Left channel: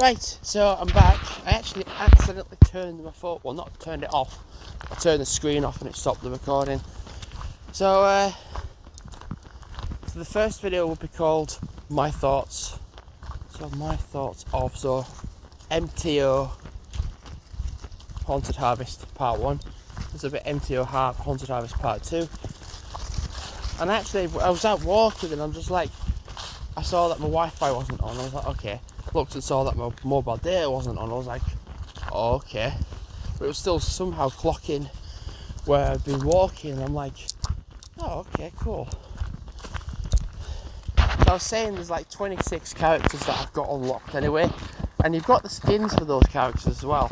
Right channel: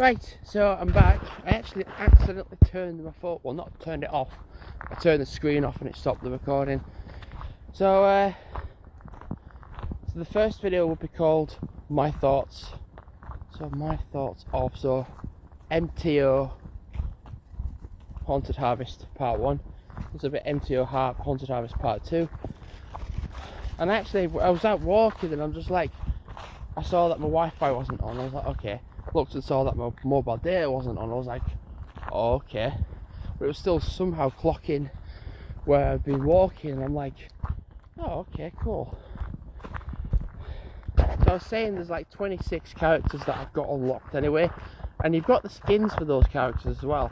Right, so I'm back. I actually accidentally turned my phone, well, not turned it off. I turned the screen off and it stopped the recording. So the first video will be called My Thoughts. So my thoughts of Mto Haunted Harvest Part 1. There's a bit Mto Haunted Harvest Part 2. And actually, I was out walking and I'm just like, I saw that my Wi-Fi wasn't on. I was like, okay. Looked and saw that my mobile data wasn't on. I was like, oh, okay. But it was still somehow clocking where I'd been walking. And I'm like, oh, okay, cool. So I was saying there's like 26 characters that I've got unlocked anyway. And you've got the skins for those characters as well.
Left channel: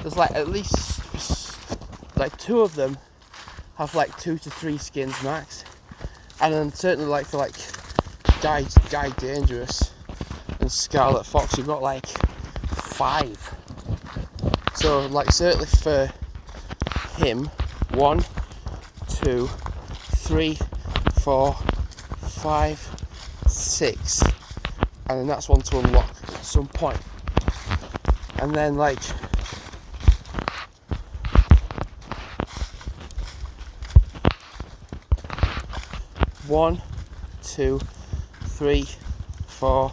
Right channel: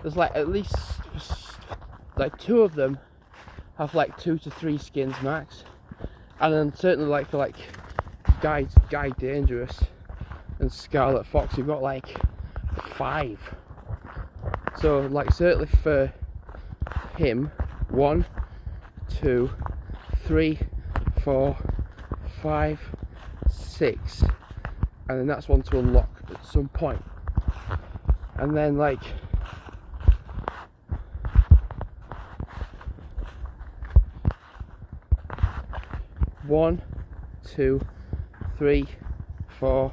There's like at least like 2 of them have like 2 to 3 skins max. And then certainly like for like Guy Dangerous and Scarlet Fox, you've got like 5. So like certainly for him, 1, 2, 3, 4, 5, 6, and then that's one to unlock at some point. And then like one, 2, 3, 4.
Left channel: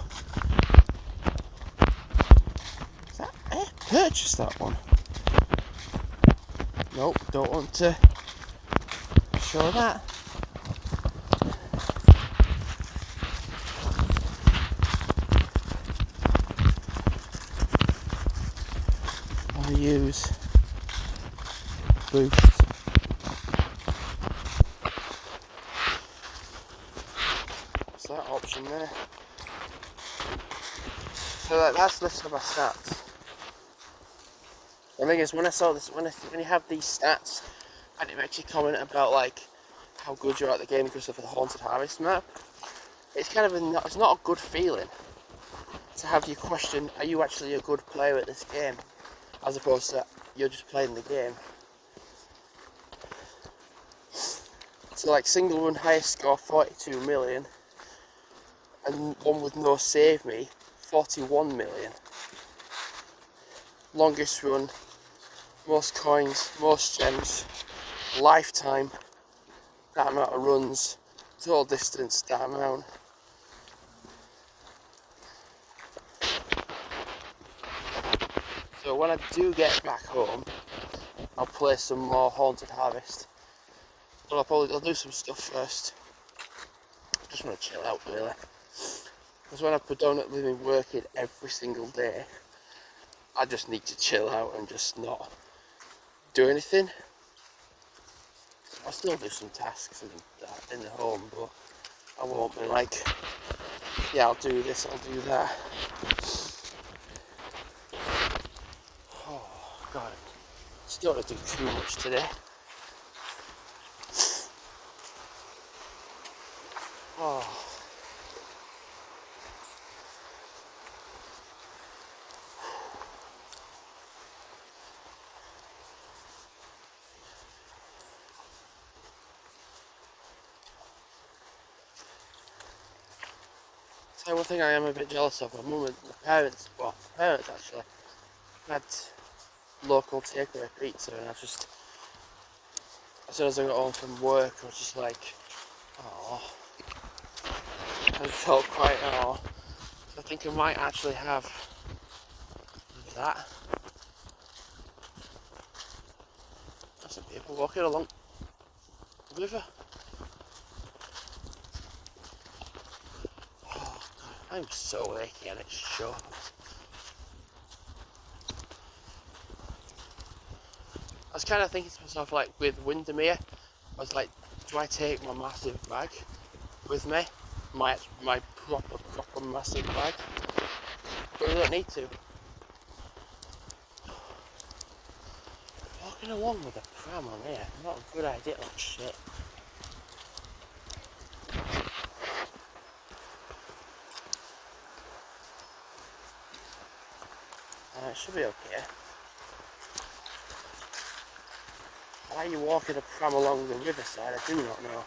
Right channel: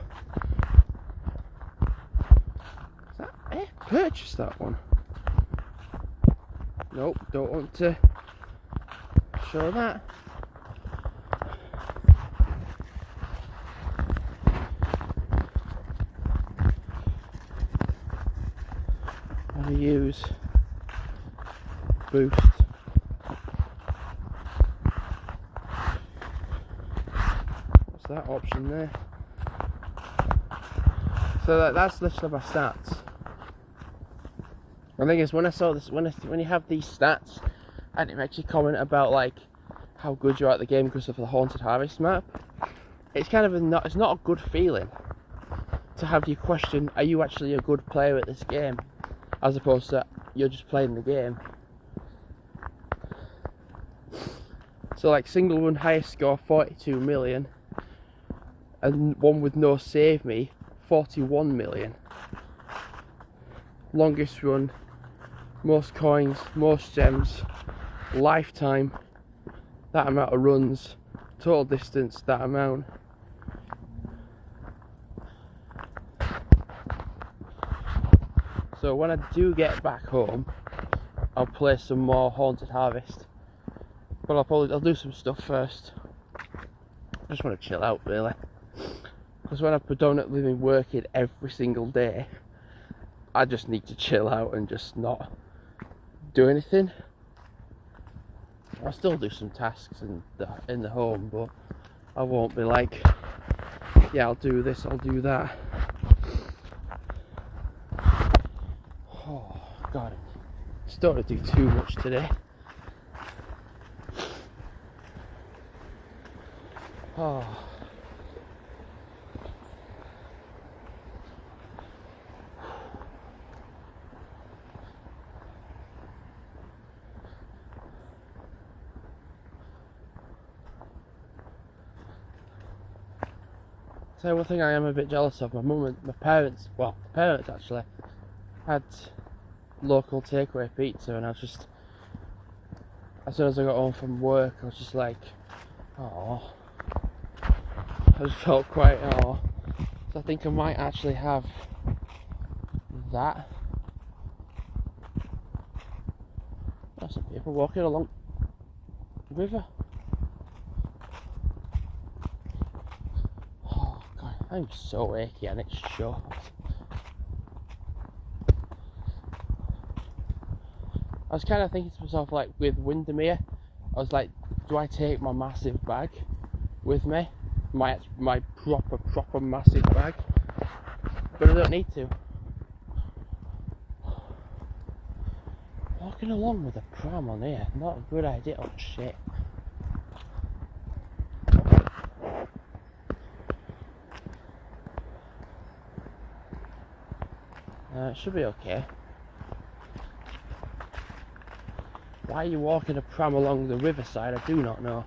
Is that I purchased that one? Nope, don't want to show that. I'll use boost. What's that option there? So that's literally my stats. The thing is, when I saw this, when you have these stats, I didn't actually comment about like how good you're at the game because of the Haunted Harvest map. It's kind of it's not a good feeling to have you question, are you actually a good player at this game, as opposed to you're just playing the game. So like single run highest score 42 million, and one with no save me 41 million. Longest run, most coins, most gems, lifetime, that amount of runs, total distance, that amount. So when I do get back home, I'll play some more Haunted Harvest. But I'll do some stuff first. I just want to chill out really. Because when I've predominantly been working every single day, I just need to chill out and just not do anything. I'll still do some tasks in the home, but I won't be like, yeah, I'll do this, I'll do that. Oh God, I just don't want to do too much today. Oh. So one thing I am a bit jealous of, my mum and my parents, actually, had local takeaway pizza, and as soon as I got home from work, I was just like, oh, I just felt quite, oh, so I think I might actually have that. There's some people walking along the river. Oh God, I'm so achy and it's short. I was kind of thinking to myself, like with Windermere, I was like, do I take my massive bag with me? My proper massive bag? But I don't need to. Walking along with a pram on here, not a good idea. Oh shit. It should be okay. Why are you walking a pram along the riverside? I do not know.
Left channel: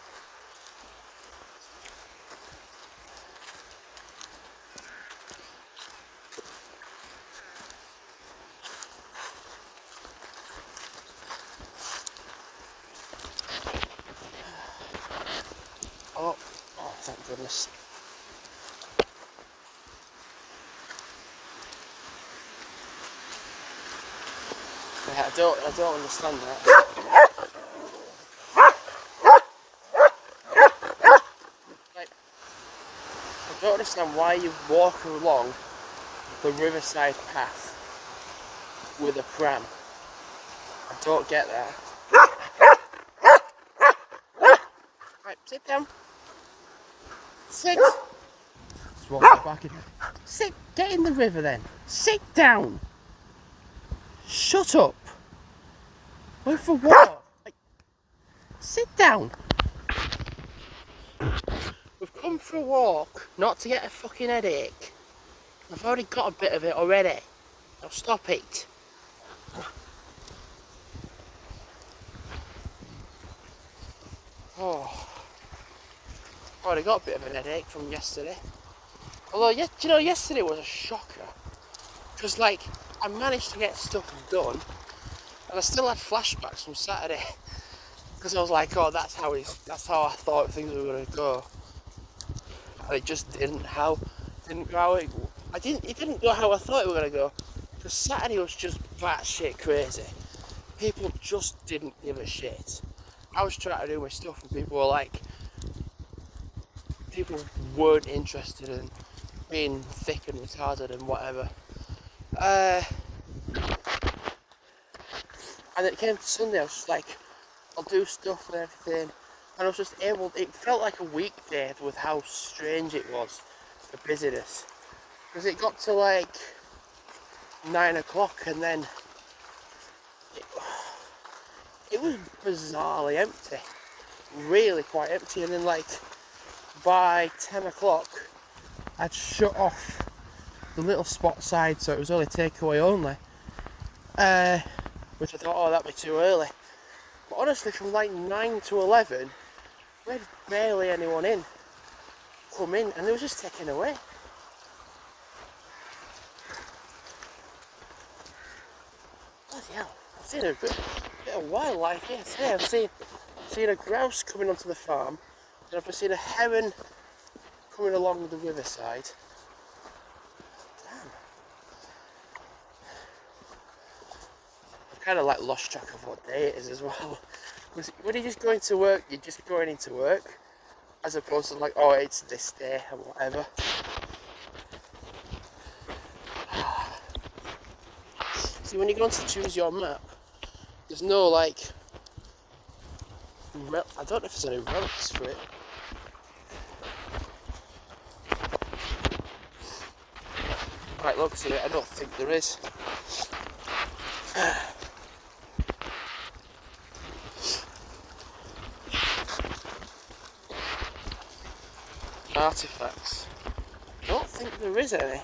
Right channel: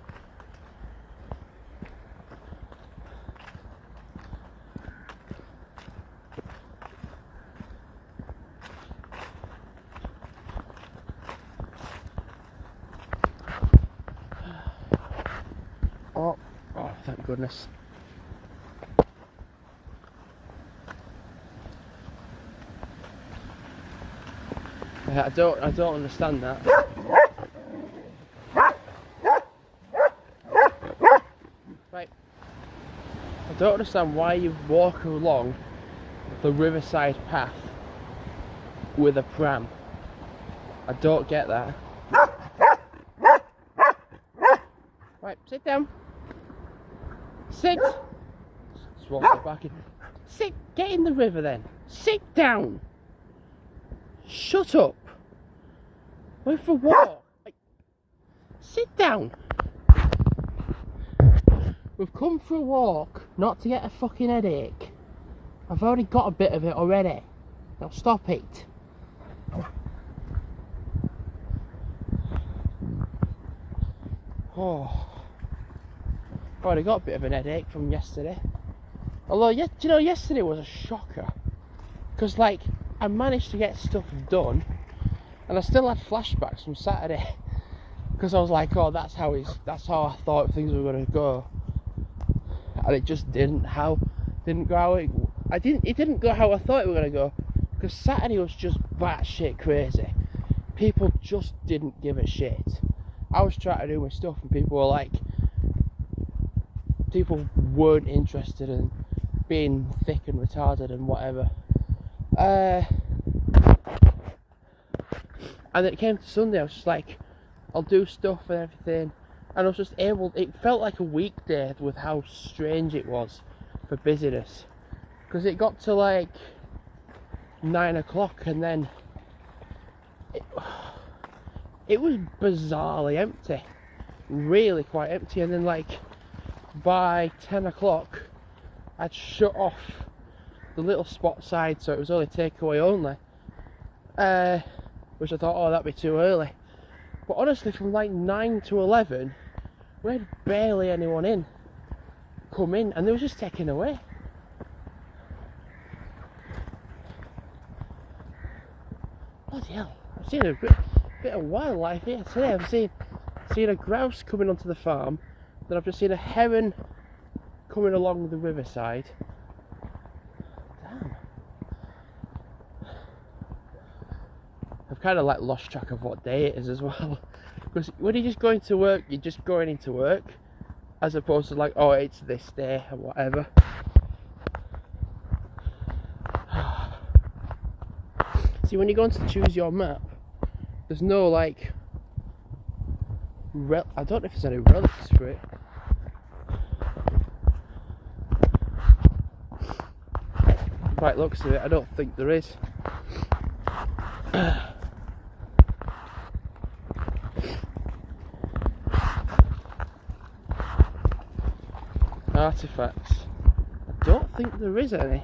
goodness. Yeah, I don't understand that. Right. I don't understand why you walk along the riverside path with a pram. I don't get that. Right, sit down. Sit. Just walk back in. Sit. Get in the river then. Sit down. Shut up. Went for a walk. Like, sit down. We've come for a walk, not to get a fucking headache. I've already got a bit of it already. Now stop it. Oh. Already got a bit of an headache from yesterday. Although, do you know, yesterday was a shocker. Because, like, I managed to get stuff done, and I still had flashbacks from Saturday. Because I was like, oh, that's how I thought things were going to go. And it just didn't. It didn't go how I thought it were going to go. Because Saturday was just batshit crazy. People just didn't give a shit. I was trying to do my stuff, and people weren't interested in being thick and retarded and whatever. And it came to Sunday, I was just like, I'll do stuff and everything, and I was just it felt like a weekday with how strange it was for busyness, because it got to like 9 o'clock and then it was bizarrely empty, really quite empty, and then like by 10 o'clock I'd shut off the little spot side, so it was only takeaway only, which I thought, oh, that'd be too early. But honestly, from like 9 to 11 we had barely anyone come in, and they were just taken away. Bloody hell, I've seen a bit of wildlife here today. I've seen a grouse coming onto the farm, then I've just seen a heron coming along the riverside. Damn. I've kind of like lost track of what day it is as well. Because when you're just going to work, you're just going into work, as opposed to like, oh, it's this day or whatever. See, when you go on to choose your map, there's no like, I don't know if there's any relics for it. Quite looks at it, I don't think there is. Artifacts. I don't think there is any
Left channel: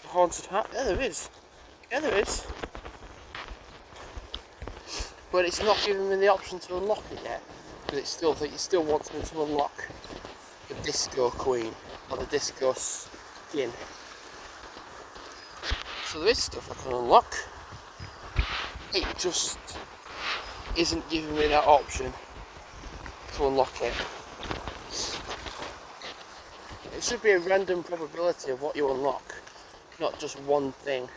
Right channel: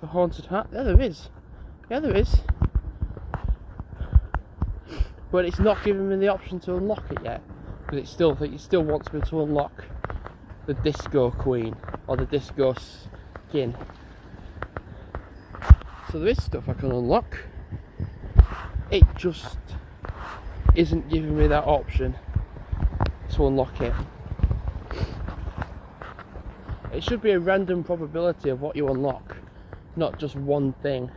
for Haunted Heart. Yeah, there is. Yeah, there is. But it's not giving me the option to unlock it yet, because it still wants me to unlock the Disco Queen or the Disco Skin. So there is stuff I can unlock. It just isn't giving me that option to unlock it. It should be a random probability of what you unlock, not just one thing,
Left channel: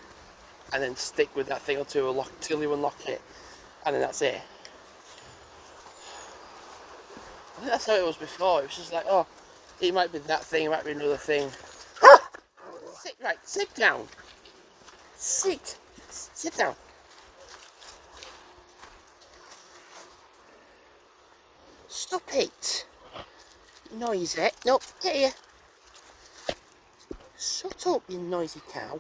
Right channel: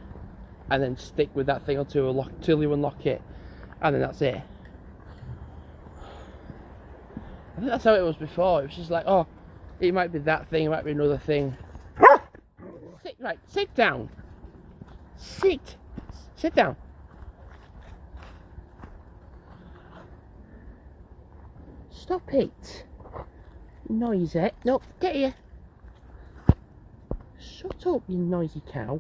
and then stick with that thing till you unlock it, and then that's it. I think that's how it was before. It was just like, oh, it might be that thing, it might be another thing. Sit down. Sit down. Stop it. Noisy. Nope, get here. Shut up, you noisy cow.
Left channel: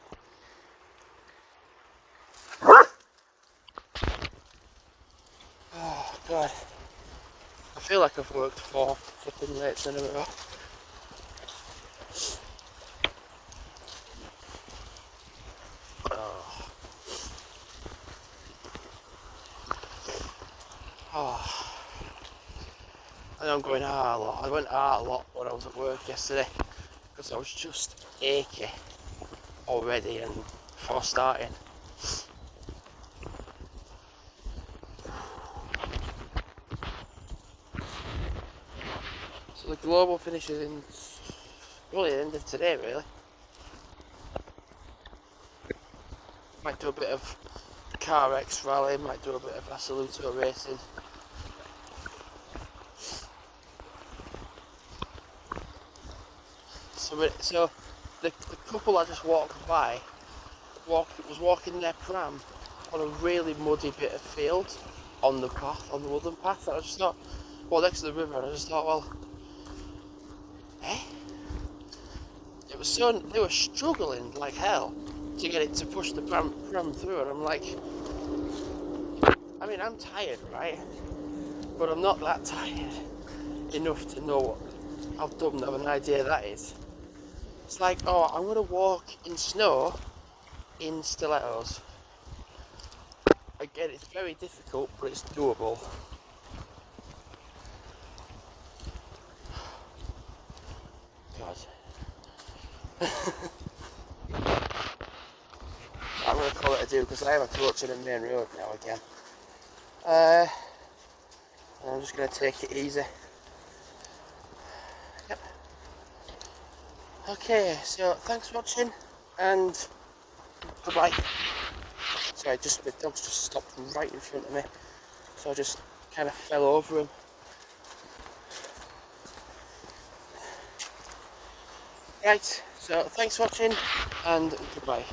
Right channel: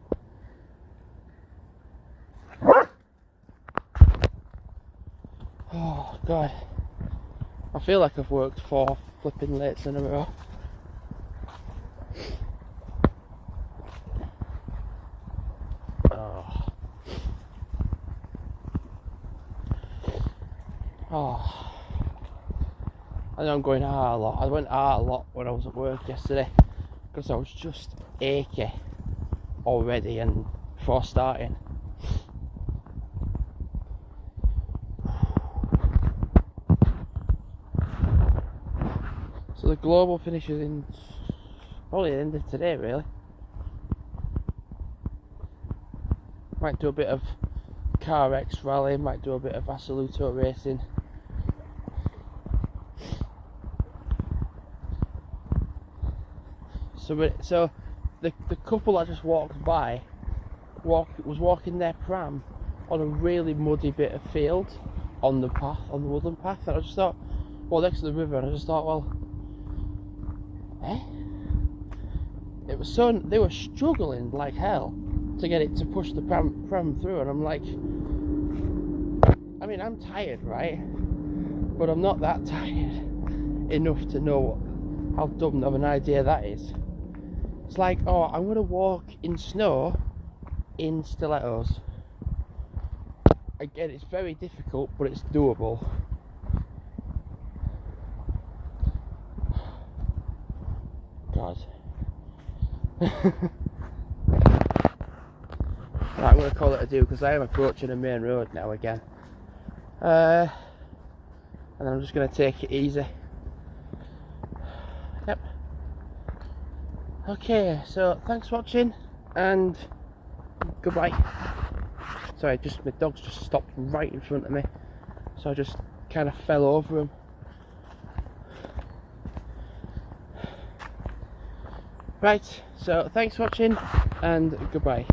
Oh, God. I feel like I've worked 4 flipping lates in a row. Oh. I know I'm going out a lot. I went out a lot when I was at work yesterday, because I was just achy already and before starting. So So the global finishes in probably the end of today, really. Might do a bit of Car X rally, might do a bit of Assoluto racing. So the couple I just walked by was walking their pram on a really muddy bit of field on the path, on the woodland path, and I just thought, well, next to the river, and I just thought, well, it was so, they were struggling like hell to get it to push the pram through, and I'm like, I mean, I'm tired, right? But I'm not that tired enough to know how dumb of an idea that is. It's like, oh, I'm going to walk in snow in stilettos. Again, it's very difficult, but it's doable. God. Right, I'm going to call it a do because I am approaching a main road now again. And I'm just going to take it easy. Yep. Okay, so thanks for watching and goodbye. Sorry, my dog's just stopped right in front of me, so I just kind of fell over him. Right, so thanks for watching and goodbye.